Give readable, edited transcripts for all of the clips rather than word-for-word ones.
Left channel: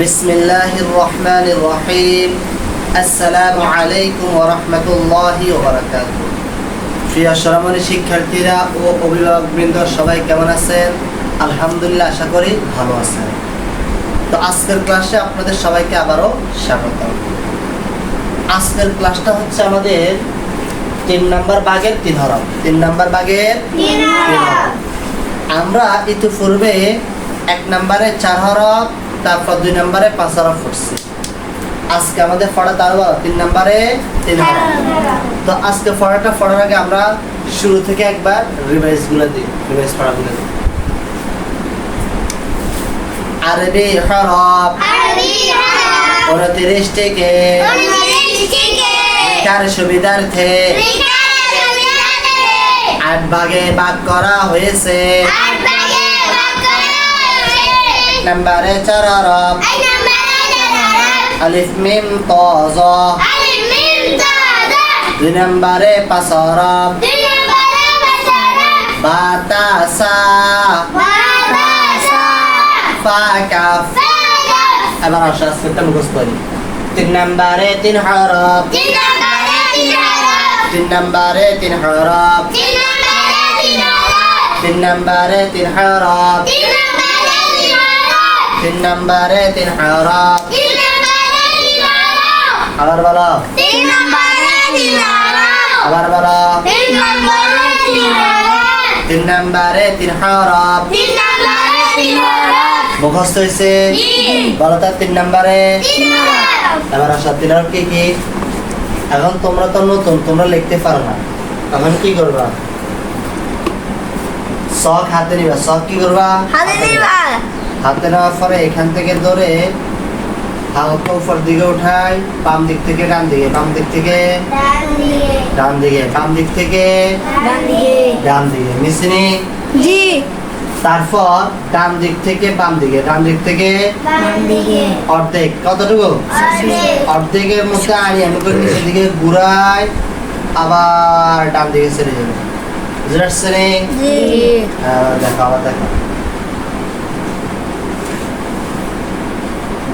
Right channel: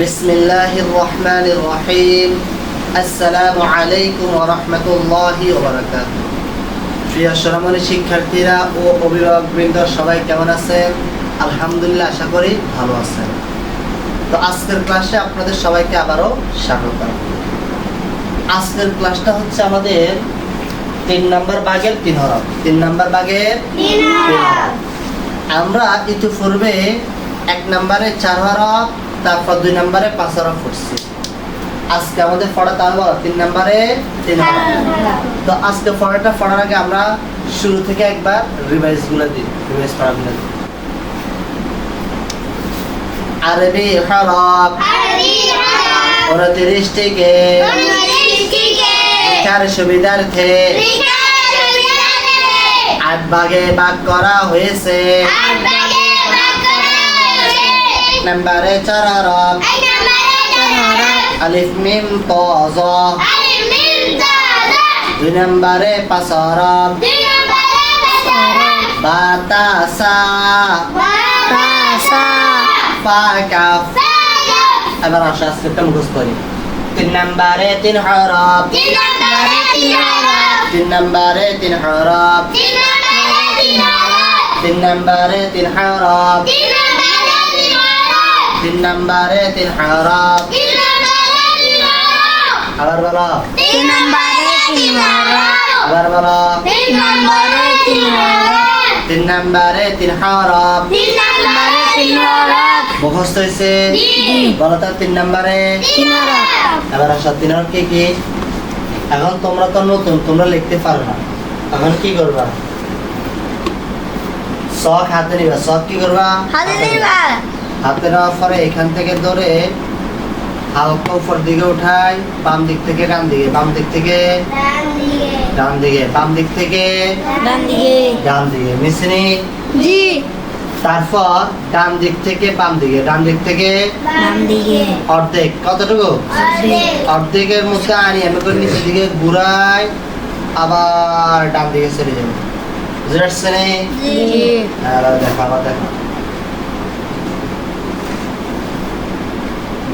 বিসমিল্লাহির রহমানির রহিম। আসসালামু আলাইকুম ওয়া রাহমাতুল্লাহি ওয়া বারাকাতুহু। প্রিয় সম্মানিত শিক্ষার্থীরা ও অভিভাবকবৃন্দ সবাই কেমন আছেন? আলহামদুলিল্লাহ, আশা করি ভালো আছেন। তো আজকের ক্লাসে আপনাদের সবাইকে আবারও স্বাগত। আজকের ক্লাসটা হচ্ছে আমাদের 3 নাম্বার ভাগের 3 হরফ। 3 নাম্বার ভাগের 3 হরফ। আমরা ইতিপূর্বে 1 নম্বরে 4 হরফ, তারপর 2 নম্বরে 5 হরফ পড়ছি। আজকে আমাদের পড়া তাহলে 3 নম্বরে 3 হরফ। তো আজকে পড়াটা পড়ার আগে আমরা শুরু থেকে একবার রিভাইজ পড়াগুলো দিই। আরবি হরফ 29 থেকে লেখার সুবিধার্থে 8 ভাগে ভাগ করা হয়েছে। 1 নম্বরে 4 হরফ, আলিফ মিম ত জ। 2 নম্বরে 5 হরফ, বা তা সা ফা কাফ। এবার আসো আজকে মুখস্থ করি। 3 নম্বরে 3 হরফ, 3 নম্বরে 3 হরফ, 3 নম্বরে 3 হরফ, 3 নম্বরে 3 হরফ। আবার বলো, 3 নম্বরে 3 হরফ। আবার বলো, 3 নম্বরে 3 হরফ। 3 নম্বরে 3 হরফ। 3 নম্বরে 3 হরফ। মুখস্থ হয়েছে? বলো তো 3 নম্বরে। 3 হরফ। এবার আসো 3 হরফ কি কি? এখন তোমরা তো নতুন, তোমরা লিখতে পারো না। এখন কি করবা? শখ হাতে নিবা। শখ কি করবা? হাতে নিবা। হাতে নেওয়ার পরে এখান থেকে ধরে হালকা উপর দিকে উঠাই, বাম দিক থেকে ডান দিকে, বাম দিক থেকে ডান দিকে। ডান দিকে, বাম দিক থেকে ডান দিকে। ডান দিকে। মিশনি? জি। তারপর ডান দিক থেকে বাম দিকে, ডান দিক থেকে ডান দিকে। অর্ধেক। কতটুকু? অর্ধেক। অর্ধেকের মধ্যে আনি আমি করে নিচের দিকে ঘুরাই, আবার ডান দিকে ছেড়ে যাবে। বুঝতে পারছেন? জি। দেখো, আবার দেখো।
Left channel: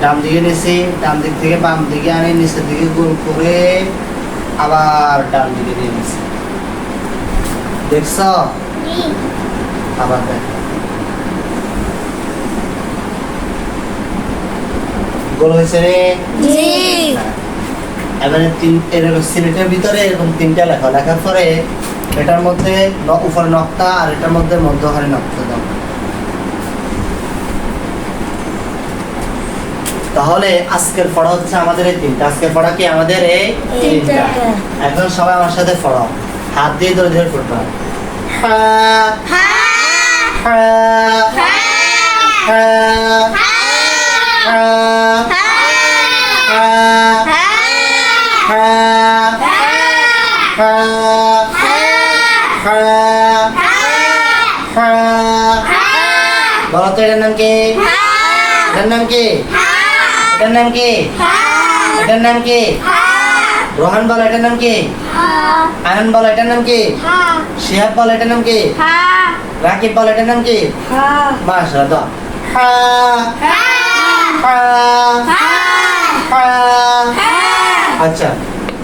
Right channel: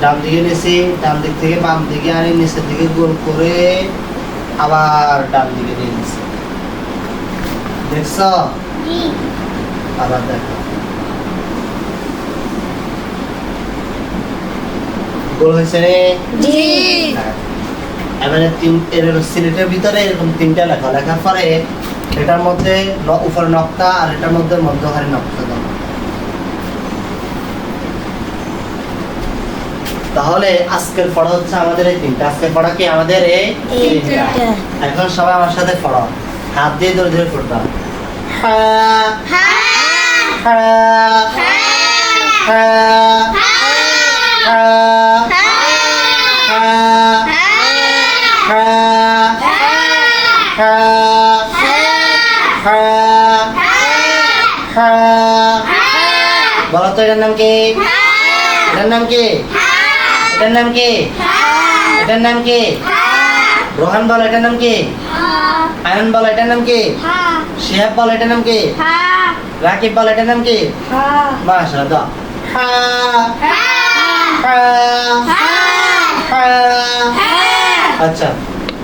ডান দিকে নিয়েছি, ডান দিক থেকে বাম দিকে আনি নিচের দিকে গোল করে আবার ডান দিকে নিয়ে নিয়েছি। দেখছ? জি। আবার দেখো, গোল হয়েছে রে? জি। হ্যাঁ। এবারে এরকম সিলেটের ভিতরে এরকম 3টা লেখা, লেখার পরে এটার মধ্যে উপরে নকতা আর এটার মধ্যে মধ্যখানে নকতা দাও। তাহলে আজকের পড়া হচ্ছে আমাদের এই 3টা। আজকের পড়া কি আমাদের এই 3টা। এখন সবাই আমার সাথে পড়ো, হাত দিয়ে ধরে ধরে পড়বা। হা হা হা হা হা হা হা হা হা হা। বলো তো এটার নাম কি? এটার নাম কি? এটার নাম কি? এটার নাম কি? রোহান বলো এটার নাম কি? আনন্দ বলো এটার নাম কি? শিহাব বলো এটার নাম কি? রাকিব বলো এটার নাম কি? মাশাআল্লাহ। হা হা হা। আচ্ছা,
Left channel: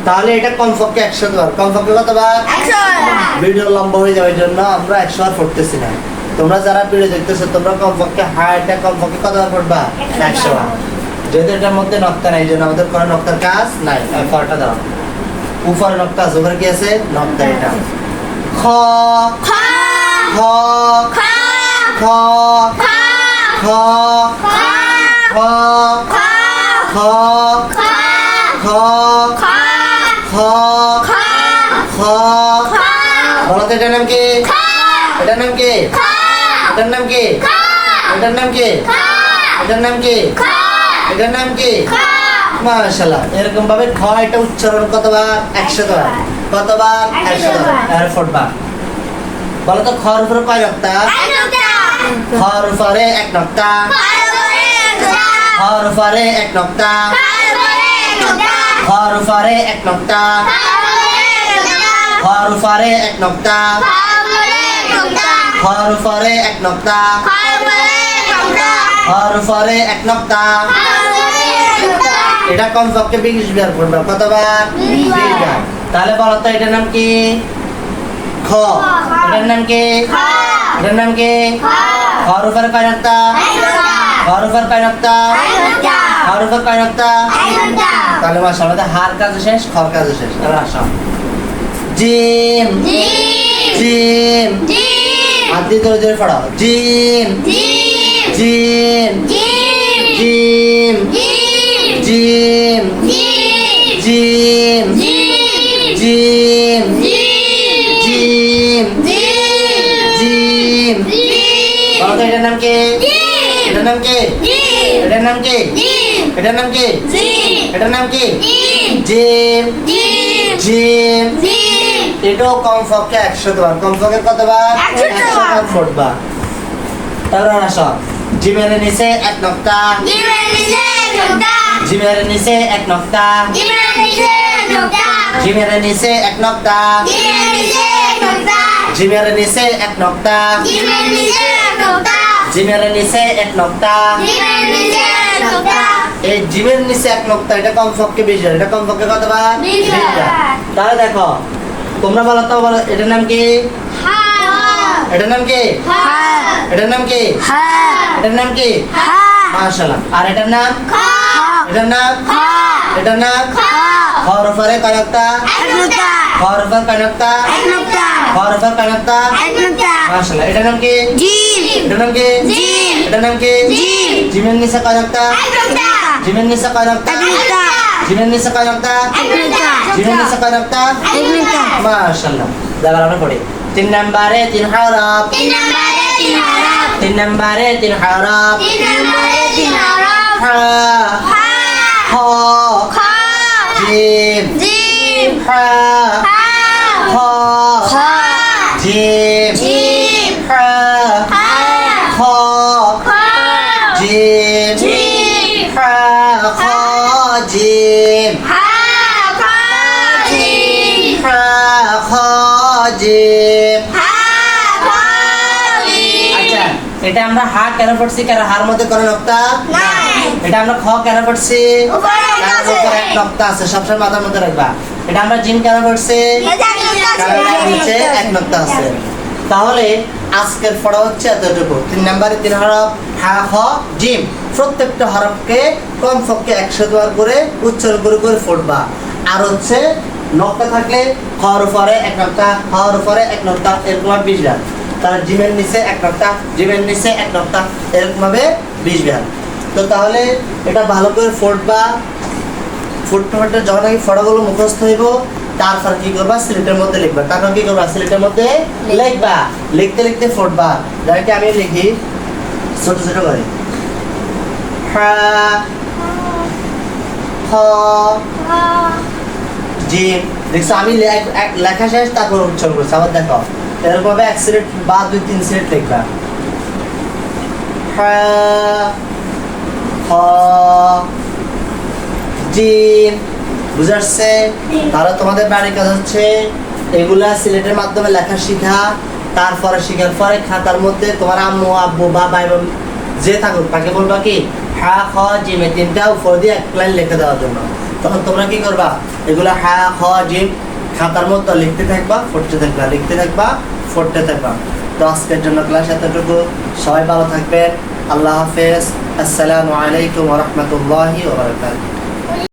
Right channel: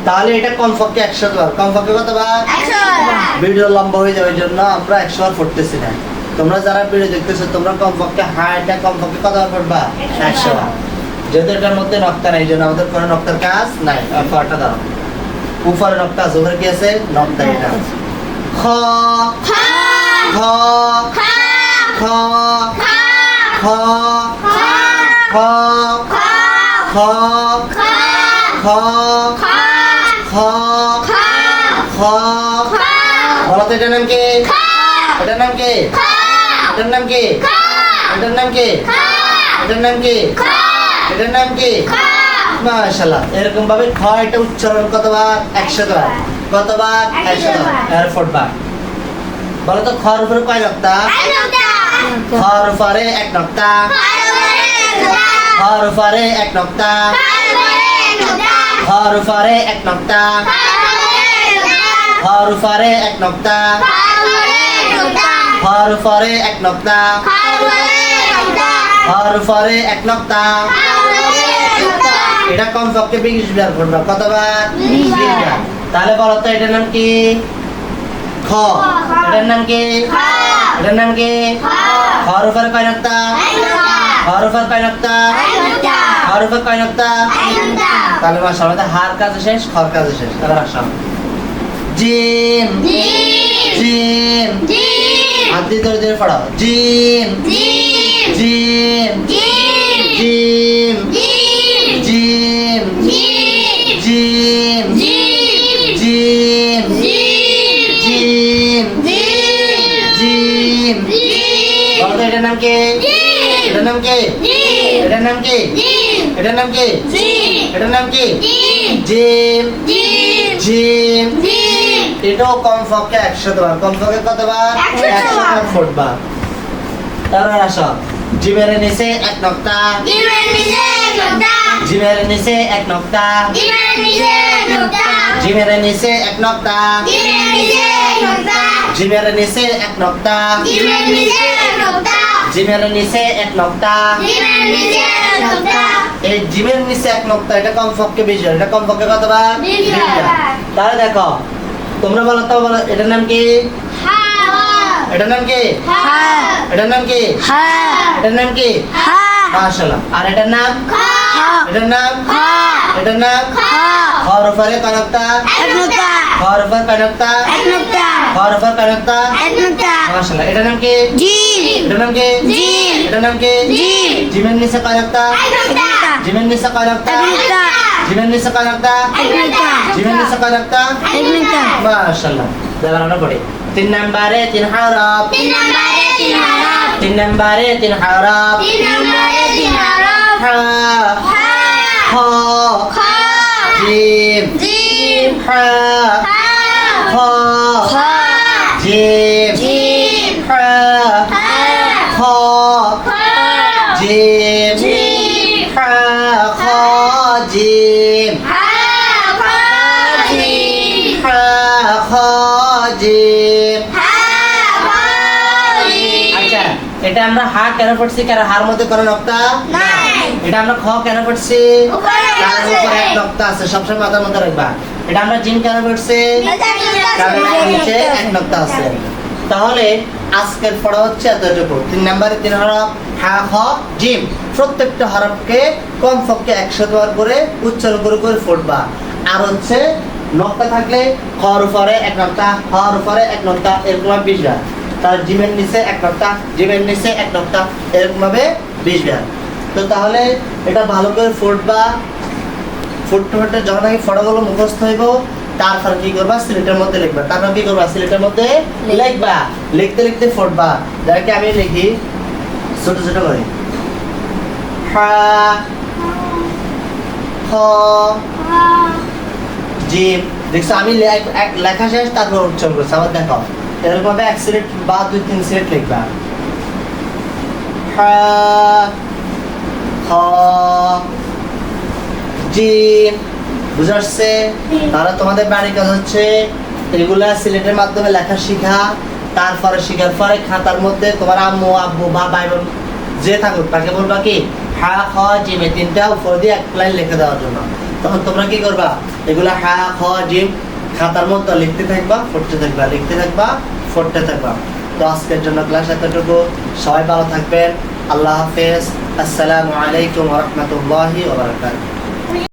তাহলে এটা কমপক্ষে 100 বার। কমপক্ষে কতবার? 100 বার। ভিডিও লম্বা হয়ে যাওয়ার জন্য আমরা 100 বার পড়তেছি না। তোমরা যারা ভিডিও দেখতেছো তোমরা কমপক্ষে হাইটা কমপক্ষে কতবার পড়বা? 100 বার। যেহেতু এটার মধ্যে নকতা নাই, জন্য আমাদের কোনো নকতার কাজ নাই। পাটা দাও, উপরে নকতা আছে, ওখানে কি আছে? নকতা। এটা খ খ খ খ খ খ খ খ খ। বলো তো এটার নাম কি? এটার নাম কি? এটার নাম কি? এটার নাম কি? এটার নাম কি? এটার নাম কি? মাশাআল্লাহ। এরকম ভাবে খ এটা উচ্চারণ কতবার? 100 বার। কতবার? 100 বার। এয়ারপোর্ট বার। বলো তো খর উপরে কয় নকতা? খর উপরে 1 নকতা। খর উপরে 1 নকতা। খর উপরে 1 নকতা। খর উপরে 1 নকতা। খর উপরে 1 নকতা। খর উপরে 1 নকতা। এটা কমপক্ষে 20 বার পড়বা। কতবার? 20 বার। তাহলে বলো তো এটার নাম কি? খ। এটার নাম কি? এটার নাম কি? খর উপর কয় নক্তা? খর উপর কয় নক্তা? খর উপর কয় নক্তা? তাহলে মাশাআল্লাহ হার কাজ শেষ, খর কাজ শেষ। এবার আসো জিম। জিম। হাত দিয়ে ধরে ধরে পড়ো। Gym. Gym. Gym. Gym. Gym. Gym. Gym. Gym. বলো তো এটার নাম কি? এটার নাম কি? এটার নাম কি? এটার নাম কি? এটার নাম কি? জিম। জিম। এটাও কমপক্ষে 100 বার। কমপক্ষে কতবার? 100 বার ফুটবা। তারপর আসো জিমের নিচে এক নক্তা। জিমের নিচে এক নক্তা। জিমের নিচে এক নক্তা। জিমের নিচে এক নক্তা। জিমের নিচে এক নক্তা। এই জিমের নিচে এক নক্তা এটা কমপক্ষে 20 বার। এটা কমপক্ষে কতবার? 20 বার। তাহলে দেখো তোমরা বলো তো, বলো এটার নাম কি? এটার নাম কি? এটার নাম কি? এটার নাম কি? মাশাআল্লাহ। আর এটার নাম? এটার নাম? এটার নাম? খর উপরে কয় নক্তা? খর উপর কয় নক্তা? খর উপর কয় নক্তা? মাশাআল্লাহ। এটার নাম কি? এটার নাম কি? এটার নাম কি? জিমের নিচে কয় নক্তা? জিমের নিচে কয় নক্তা? জিমের নিচে কয় নক্তা? জিমের নিচে কয় নক্তা? মাশাআল্লাহ। দাঁড়ানো পড়ে 3 নম্বরে 3 হরফ। 3 নম্বরে 3 হরফ। হা খ জিম হা খ জিম হা খ জিম হা খ জিম হা খ জিম। আচ্ছা এটা আমরা হা কেন পড়ছি? কারণ হার মধ্যে কোনো নক্তা নাই। এটা আমরা খ কেন পড়ছি? কারণ উপরে এক নক্তা আছে, সবসময় মাথার মধ্যে রাখবা। এটা আমরা জিম কেন পড়ছি? কারণ এর নিচে এক নক্তা আছে। তাহলে আজকের পড়া হচ্ছে এতটুকু। 3 নম্বরে 3 হরফ হা খ জিম। প্রত্যেকটা হরফকে কমপক্ষে 100 বার করে উচ্চারণ করে করে পড়বা। আর হচ্ছে নক্তা থাকলে খর উপরে এক নক্তা, খর উপরে এক নক্তা, এরকম 20 বার। তার জিমের নিচে এক নক্তা, জিমের নিচে এক নক্তা, এরকম ভাবে 20 বার। তো তাহলে এটা ভালো করে ফুটবা। ফুটতে যখন নাকি ফটাগুলো মুখস্থ হইব, তারপর কি করবা? সিলেটের মধ্যে লিখবা। তারপর কি করবা? সিলেটের মধ্যে লিখবা। লিখতে লিখতে ফুটবা। যাকে আমি লিখি ছোট ছোট করে। হা খ জিম। দেখছো আমি লেখা শেষ, তারপর উচ্চারণ করছি। আবার দেখো এরকম ভাবে 1 সিলেট বা 2-3 সিলেট লিখবা। হা খ জিম। বুঝে আসছে? তাহলে তোমাদের বাড়ির কাজ হচ্ছে এগুলা সিলেটের মাধ্যমে লেখা শিখা। তারপরে শিখার পরে খাতার মধ্যে তোমার আম্মু আব্বু বা ভাই বোন যে থাকুক তাকে বলবা কি হা খ জিম এই 3টা উপর দিয়ে এক লাইন লিখে দেওয়ার জন্য। তখন তোমরা কি করবা? এগুলা হা খ জিম খাতার মধ্যে লিখতে থাকবা, পড়তে থাকবা, লিখতে থাকবা, পড়তে থাকবা। তো আজকের জন্য ক্লাস এতটুকু। সবাই ভালো থাকবেন। আল্লাহ হাফেজ। আসসালামু আলাইকুম ওয়া রাহমাতুল্লাহি ওয়া বারাকাতুহু।